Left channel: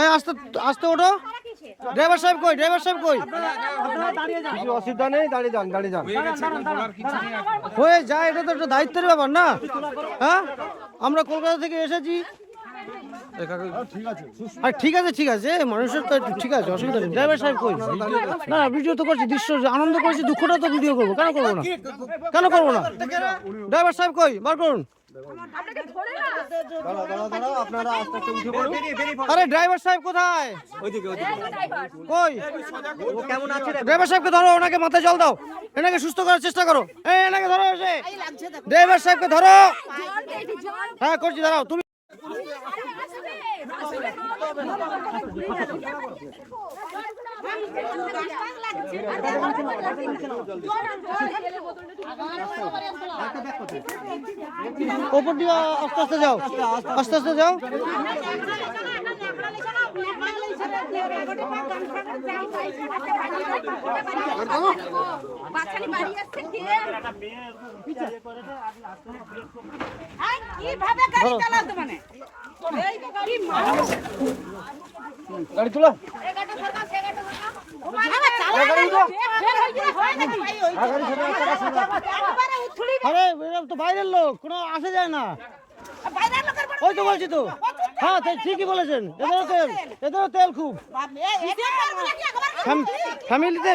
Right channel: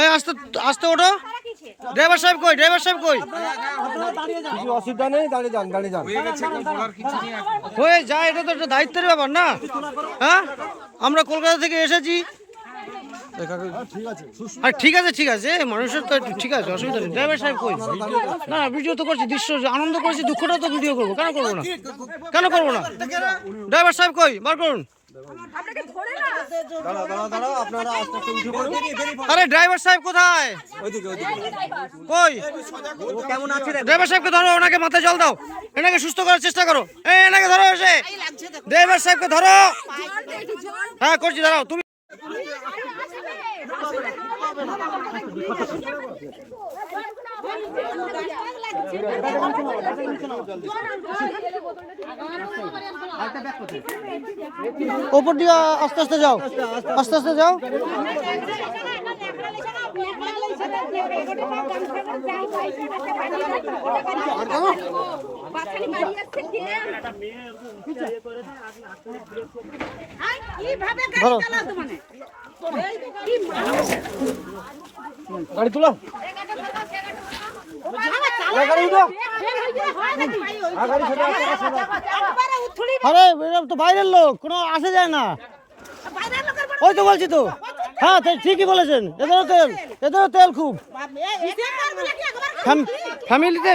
এই আস্তে আস্তে ওঠো। ড্রাইভার সাহেব কই? ড্রাইভার সাহেব কই? অসুবিধা নেই, দাঁড়িয়ে যান, দাঁড়িয়ে যান। হয়ে যায়, এটা তো একটা দায়িত্বের ব্যাপার না? হ্যাঁ, আমরা কলকাতা থেকে এসেছি। আর ঠিক আছে, ঠিক আছে, মানুষের তো ঠিক আছে, অসুবিধা নেই। ড্রাইভার সাহেব কই? না ভিডিও তো করছি, দৃশ্য আনন্দ করছি, দুঃখটা তো ভিডিও করবো। কেন করবো না? কেন করবো না? ড্রাইভার সাহেব কই? বার করুন। আরে ড্রাইভার সাহেব কোথায়? কই? ড্রাইভার সাহেবকে ধরো, ওনাকে মাথায় জল দাও, এনাকে সুস্থ করার চেষ্টা করো। এই এনাকে ধরো, এসে ড্রাইভার সাহেবকে ধরো। হ্যাঁ করছি, দাঁড়াও তুমি। ওপর দিয়ে আস্তে আস্তে যাও, আস্তে আস্তে যাও। গাড়ি তোলো। আরে এরকম তো বাইরের লোক, কোনো আসে যায় না। ওই তো বলছি তো। হ্যাঁ ঠিকই বলেছেন, এদেরও তেল খুব। ফ্যামিলিতে